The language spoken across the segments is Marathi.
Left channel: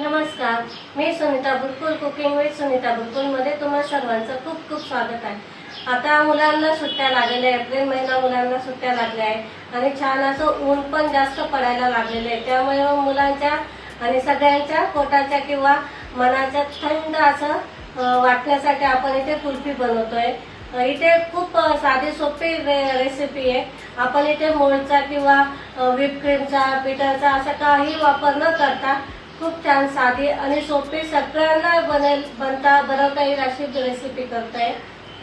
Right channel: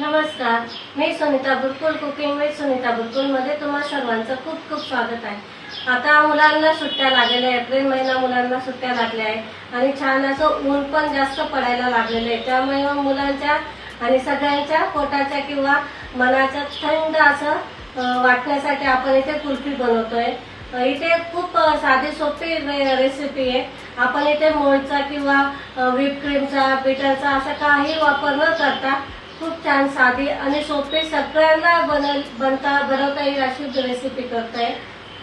नमस्कार मी सुनीता बुरकुल कुकिंग विथ सुनीता बुरकुलमध्ये तुम्हा सर्वांचं खूप खूप स्वागत आहे. आता मुलांना सुट्ट्या लागलेल्या एप्रिल महिना मुलांना सुट्ट्या लागल्या आहे आणि छान असं ऊन पण जास्त पडायला लागलेलं आहे. त्यामुळे मग मुलांच्या आणि सगळ्यांच्या पोटाच्या किंवा मनाच्या थंड असं वाटण्यासाठी आपण इथे कुल्फी बनवतोय. इथे खूप साधी सोपी रे- रेसिपी आहे. आपण इथे मोळचा किंवा व्हिपक्रीमचा पिठाचा असा काही वापर न करता खूप छान साधी आणि सोपे सगळ्यांना बनल बनता बनवता येईल अशी रेसिपी करताय.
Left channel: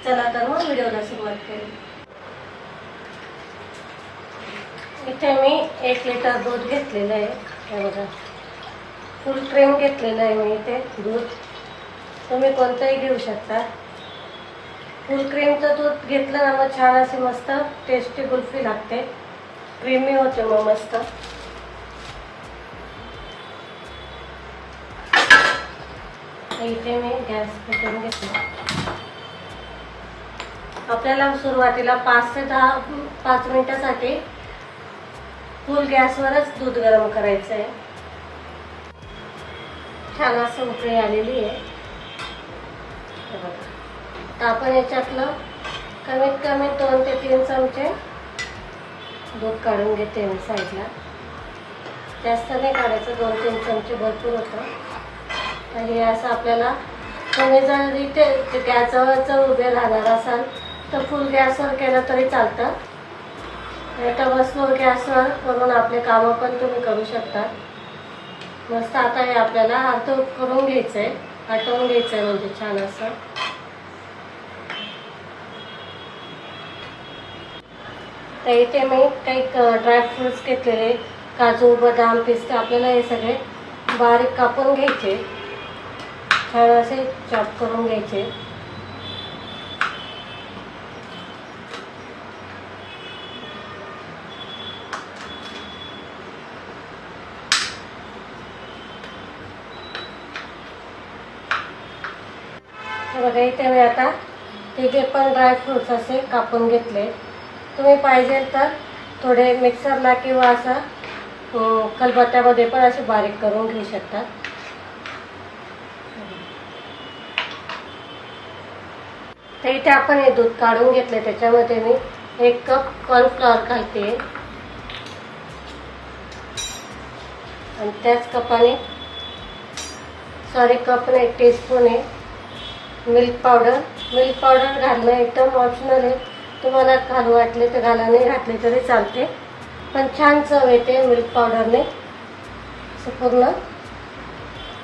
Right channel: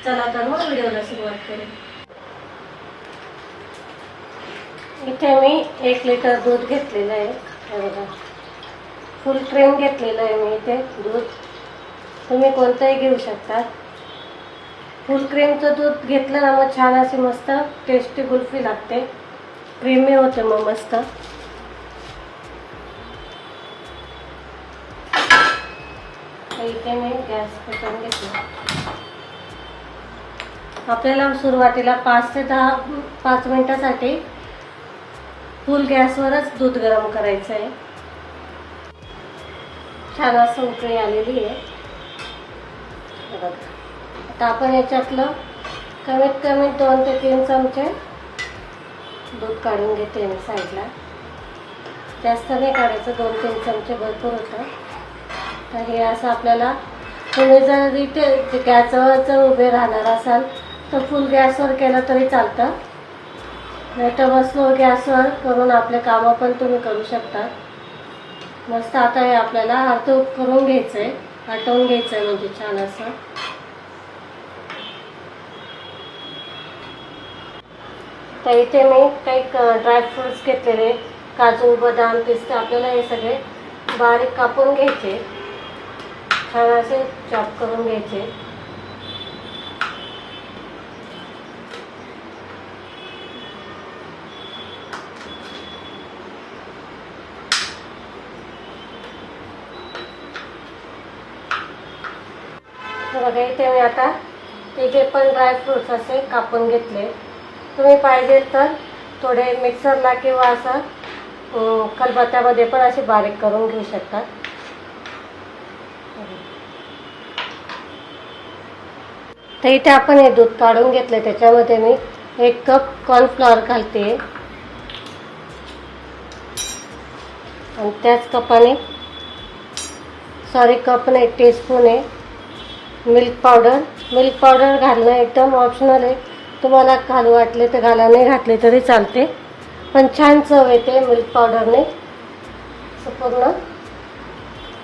चला तर मग व्हिडिओला सुरुवात करू. इथे मी एक लिटर दूध घेतलेलं आहे. बघा. फुल क्रीम घेतलेलं आहे मी इथे दूध. तुम्ही कोणतंही घेऊ शकता. फुल क्रीमचं दूध घेतलं ना मग छान अशी मस्त टेस्टी कुल्फी लागते. क्रीमी होते मग मस्त. इथे मी गॅस पेटवून घेते आपल्याला सुरुवातीला पाच ते दहा पाच मिनिटासाठी फुल गॅसवरच दूध गरम करायचं आहे छान असं उकळी आलेली आहे. आता आपण याच्यातलं कमीत कमी दोन ते तीन चमचे दूध काढून घेते मी साईडला. जास्त नाही काढायचं दोन तीन चमचे भरपूर होतं. तर हे असं आपल्याला तुम्ही जर इथे गॅसवर जर उभे राहणार असाल तर फुल गॅसवर केलं तरी चालतं. नाही तर मग स्लो गॅसवर करून आपले कामं पण तुम्ही करू शकता. मस्त आता हे आपल्याला आटो करून घ्यायचं आहे आटवून आहे म्हणजे छान असं. तर इथे मी काही ड्रायफ्रुट्स घेतलेले काजू बदाम पिस्ते आपल्याला हे सगळे बारीक कापून घ्यायचे. छान असे चॉप करून घ्यायचे. बघा इथे मी आता हे जे पण ड्रायफ्रुट्स असे कापून घेतले तुम्ही पाहिजे तर थोडे मिक्सरला किंवा असं कलबत्त्यामध्ये पण असे बारीक करून घेऊ शकतात तर इथे आपण हे दूध काढून घेतलं त्याच्यामध्ये मी एक कप कॉर्नफ्लॉवर घालते. आणि त्याच कपाने सॉरी कप नाही टीस्पून आहे. मिल्क पावडर मिल्क पावडर घालणं एकदम ऑप्शनल आहे. तुम्हाला घालू वाटले तर घाला नाही घातले तरी चालते. पण छान चव येते मिल्क पावडरने पूर्ण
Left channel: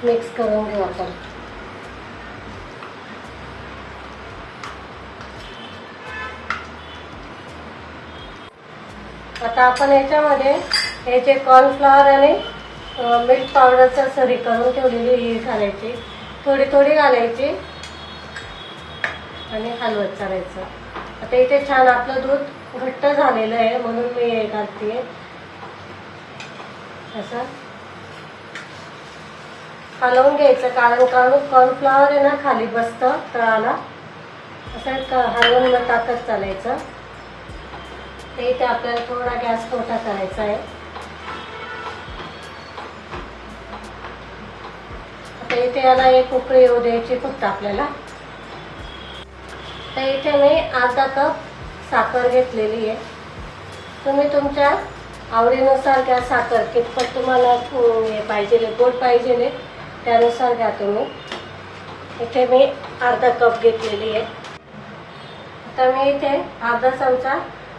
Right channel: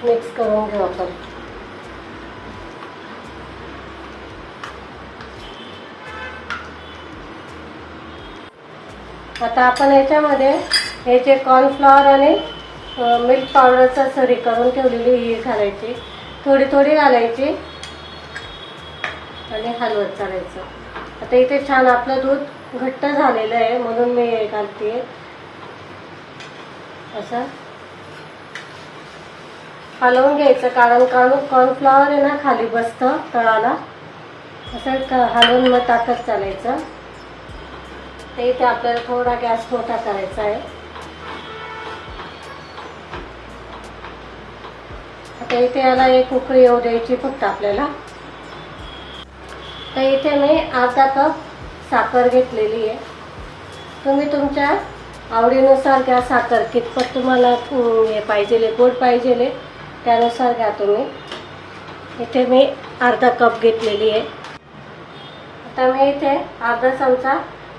मिक्स करून घेऊ आपण. आता आपण याच्यामध्ये हे जे कॉर्नफ्लॉवर आणि मिल्क पावडरचा सरी करून ठेवलेली ही घालायची. थोडी थोडी घालायची. आणि हलवत चालायचं. आता इथे छान आपलं दूध घट्ट झालेलं आहे म्हणून मी हे घालते असं. हलवून घ्यायचं कारण कॉर्न कॉर्नफ्लॉवर हो, आहे ना खाली बसतं तळाला. असं हलवून मग टाकत चालायचं. ते इथे आपल्याला थोडा गॅस मोठा करायचा आहे. आता इथे याला एक उकळी येऊ द्यायची फक्त आपल्याला. तर इथे मी अर्धा कप साखर घेतलेली आहे. तुम्ही तुमच्या आवडीनुसार घ्या साखर. कितपत तुम्हाला अं, पाहिजे गोड पाहिजे त्यानुसार घ्या तुम्ही. इथे मी अर्धा कप घेतलेली आहे. आता मी इथे अर्धा चमचा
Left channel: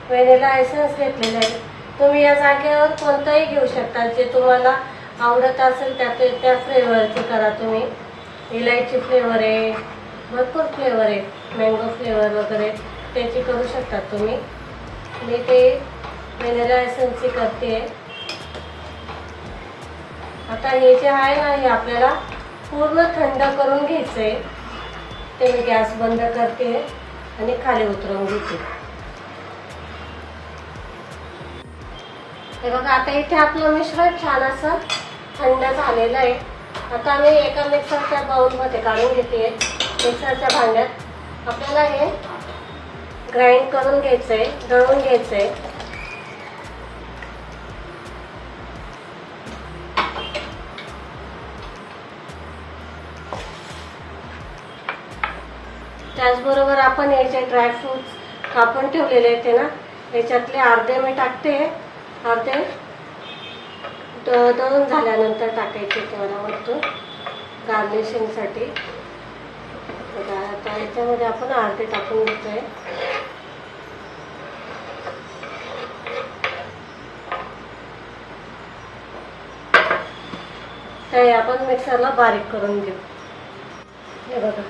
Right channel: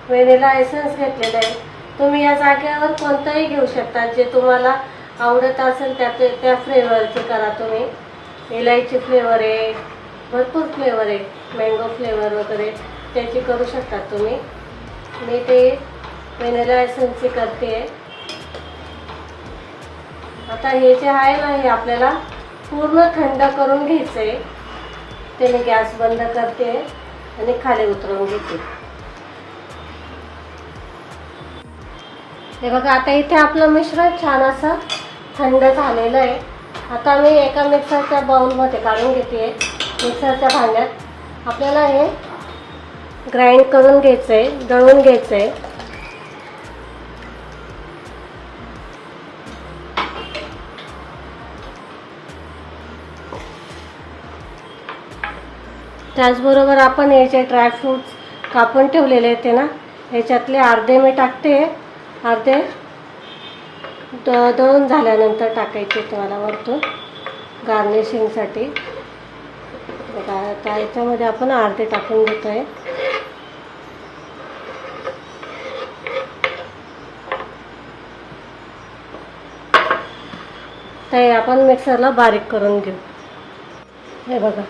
व्हॅनिला लायसन्स घेतलेला आहे तुम्ही या जागेवर कोणतंही घेऊ शकता. जे तुम्हाला आवडत असेल त्या ते त्या फ्लेवरचे करा तुम्ही. इलायची फ्लेवर आहे भरपूर फ्लेवर आहे. मँगो फ्लेवर वगैरे त्याची करू शकता तुम्ही. मी ते वेनेला एसेन्सची करते. आता हे जे आहे ना हे आपल्याला पूर्ण थंड करून घ्यायचं आहे ते मी गॅस बंद करते आणि खाली उतरवून घेते. हे बघा आता इथे आपलं मिश्र छान असं थंड झालेलं आहे. आता मी एका मिक्सरच्या बाउलमध्ये काढून घेते. मिक्सरच्या भांड्यात आपल्याला हे ग्राइंड करून घ्यायचं आहे घ्यायचंय. घ्यायचं आहे त्याचबरोबर आपण याचे ड्रायफ्रूट्स कापून ठेवलेले आहेत ना याच्यातले अर्धे मी टाकते. अर्धे द दळून झाल्यानंतर टाकायचे तुम्हाला वरतून गार्निशिंगसाठी त्या याच्यामध्ये आपण अर्धे टाकून घेतोय. ते आपण मिक्सरला बारीक करून घेऊ. हे बघा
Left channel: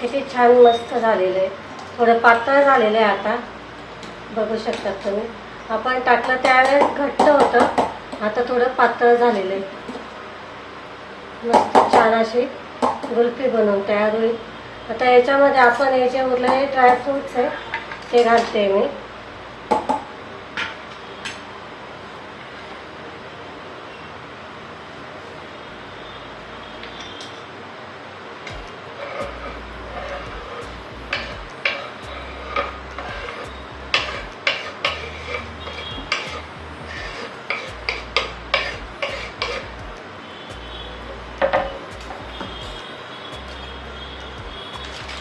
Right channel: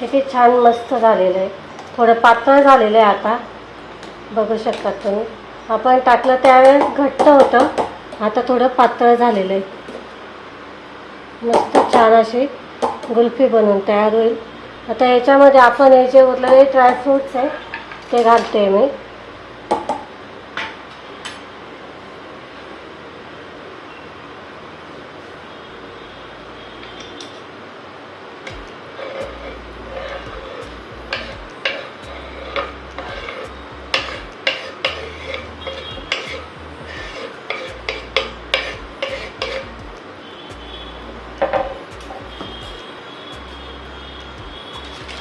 किती छान मस्त झालेलं आहे. थोडं पातळ झालेलं आहे आता. बघू शकतात तुम्ही. आपण टाकलं त्यावेळेस घट्ट होतं. आता थोडं पातळ झालेलं आहे. मस्त छान अशी गुल्फी बनवून तयार होईल. आता याच्यामध्ये आपण हे जे उरलेले ड्रायफ्रूट्स आहे ते घालते मी.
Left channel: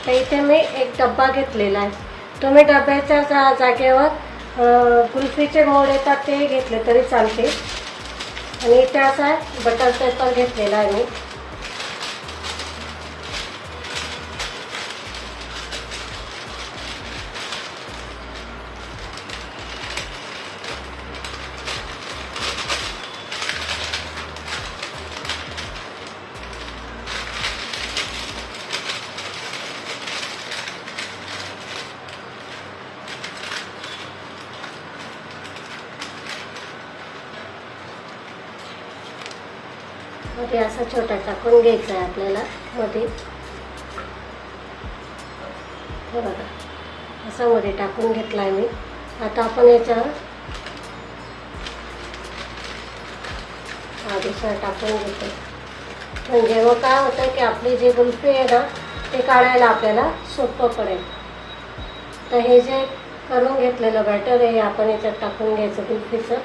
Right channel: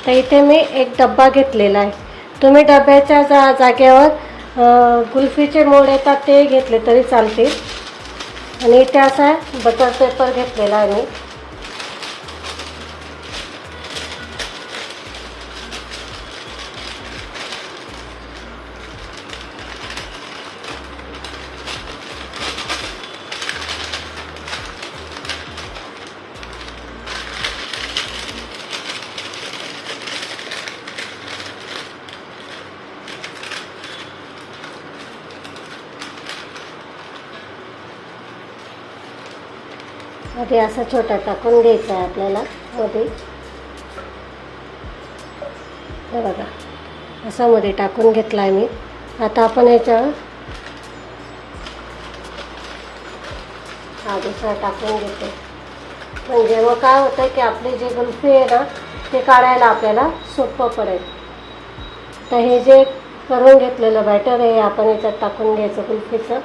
तर इथे मी एक डब्बा घेतलेला आहे. तुम्ही डब्याच्या जा जागेवर कुल्फीचे मोड येतात ते घेतले तरी चालतील. आणि इथे असा बटर पेपर घेतलेला आहे मी. मध्ये असा छोटा टाकून घ्यायचा आहे आपल्याला मध्ये. हे बघा असा मध्ये टाकून घेतला आहे मी. आता आपण याच्यावर हा दुसरा टाकून घेतो. म्हणजे मग काय होतं की आपली जी गुल्फी आहे ना ते काढायला आपल्याला सोपं पडेल. तर हे जे करून घेतलेलं बॅटर आहे हे आपण याच्यात टाकून घ्यायचं गुल्फीचं.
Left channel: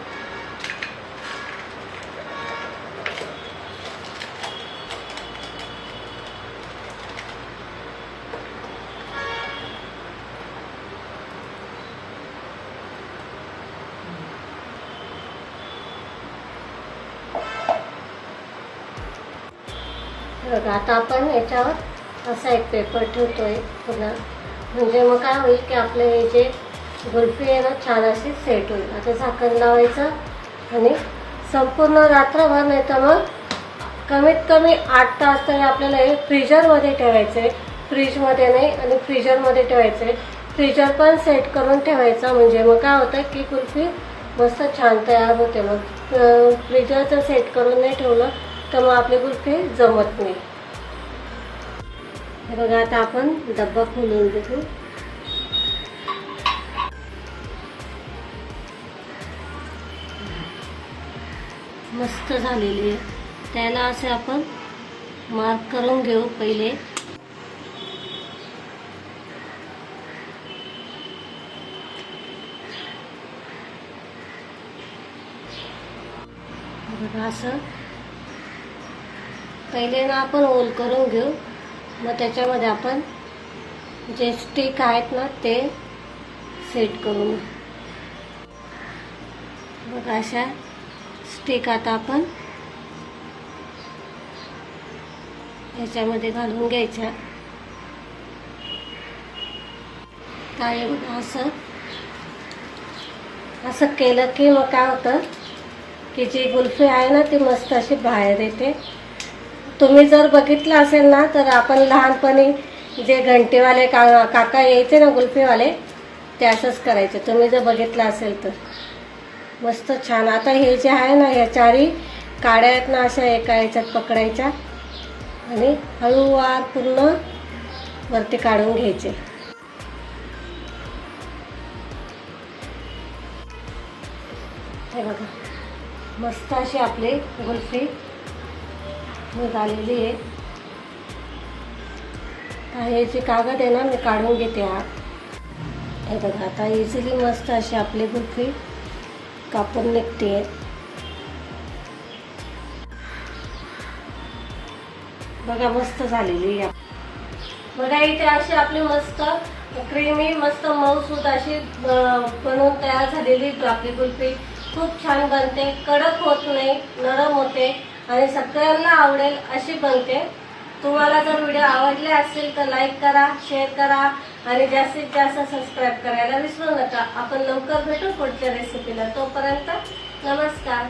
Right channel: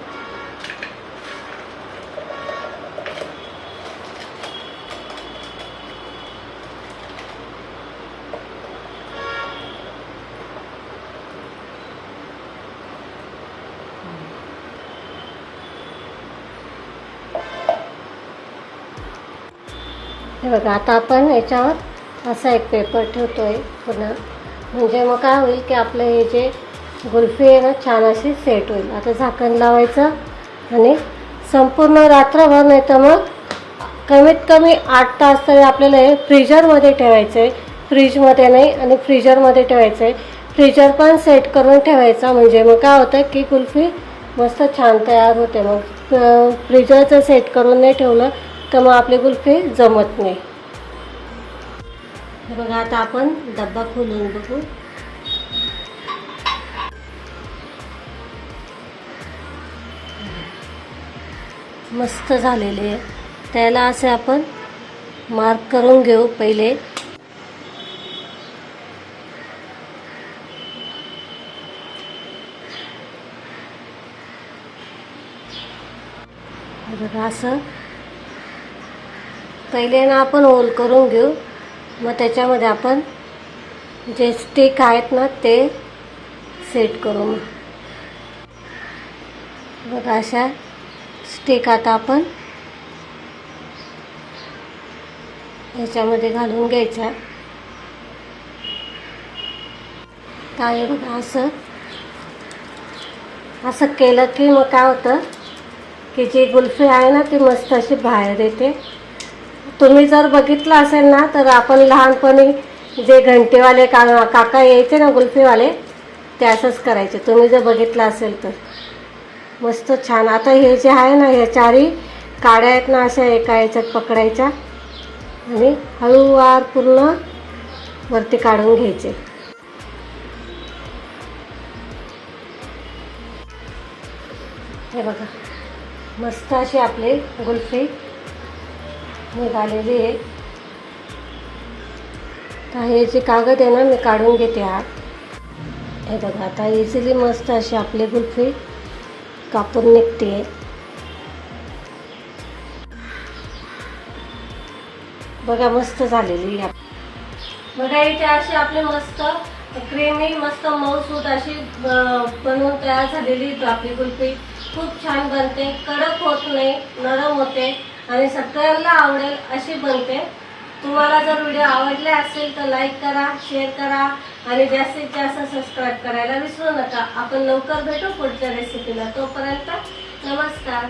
बघा आता आपण याच्यावर असा एक पेपर ठेवतो आहे पुन्हा. म्हणजे मग काय होईल की आपलं हे जे गुल्फी आहे ना छान अशी सेट होईल. आता झाकण लावायचं आणि संपूर्ण रात्रभर नाही तर मग कमीत कमी आठ तास तरी आपल्याला हे फ्रीजरमध्ये ठेवायचं आहे फ्रीजमध्ये नाही आणि फ्रीजरमध्ये ठेवायचं आहे फ्रीजर पण सेट करून ठेवायचा. म्हणजे मग काय होतं की कुल्फी मस्त छान तयार होते. मग फ्रीजरचं सेट करून नाही ठेवलं तर मग गुलके जमत नाही. बघा आता आपण डब्बा खोलून बघू. मस्त झालेली आहे त्याला असे आपण मार्क करून घेऊ पहिले. असं पहिले ना आपण होल करून घेऊ. मग त्याच्यामध्ये आपण जे स्टिक आहेत ना ते सेट करू बघा अशा स्टिक आता आपण याच्यामध्ये घालून घ्यायच्या. काय बघा असं असं केलं की मग काय होतं की जी गुल्फी आहे ना ती मस्त अशी बाहेर येते. तुम्ही जर बघितलं असेल ना तर आपण लहानपणी जे घंटेवाले का काका यायचे ना गुल्फीवाले ते असंच करायचे. तुम्ही जर बघितलं असेल तर. मस्त छान. आता हे जे आहे ना ह्या चारी काड्या आहेत ना अशा एका याच्यात पकडायच्या. आणि हळूवार पूर्ण वरती काढून घ्यायचे. हे बघा. मस्त अशी आपली गुल्फी. निघालेली आहे काही जे कागद आहे ना मी काढून घेते आत. हे बघा आता इझिली मस्त अशी आपली गुल्फी कापून निघते. बघा मस्त झालेली आहे. बघा इथे अशी आपली मस्त क्रीमी मस्त मऊसूद अशी बनवून तयार झालेली आपली कुल्फी खूप छान बनते कडक होत नाही नरम होते. आणि सगळ्यांना आवडेल अशी बनते तुम्हाला जर व्हिडिओ आवडले असेल तर लाईक करा शेअर करा आणि जास्तीत जास्त सबस्क्राईब करायला विसरू नका. आपण लवकर भेटू पुढच्या रेसिपीला तोपर्यंत नमस्कार.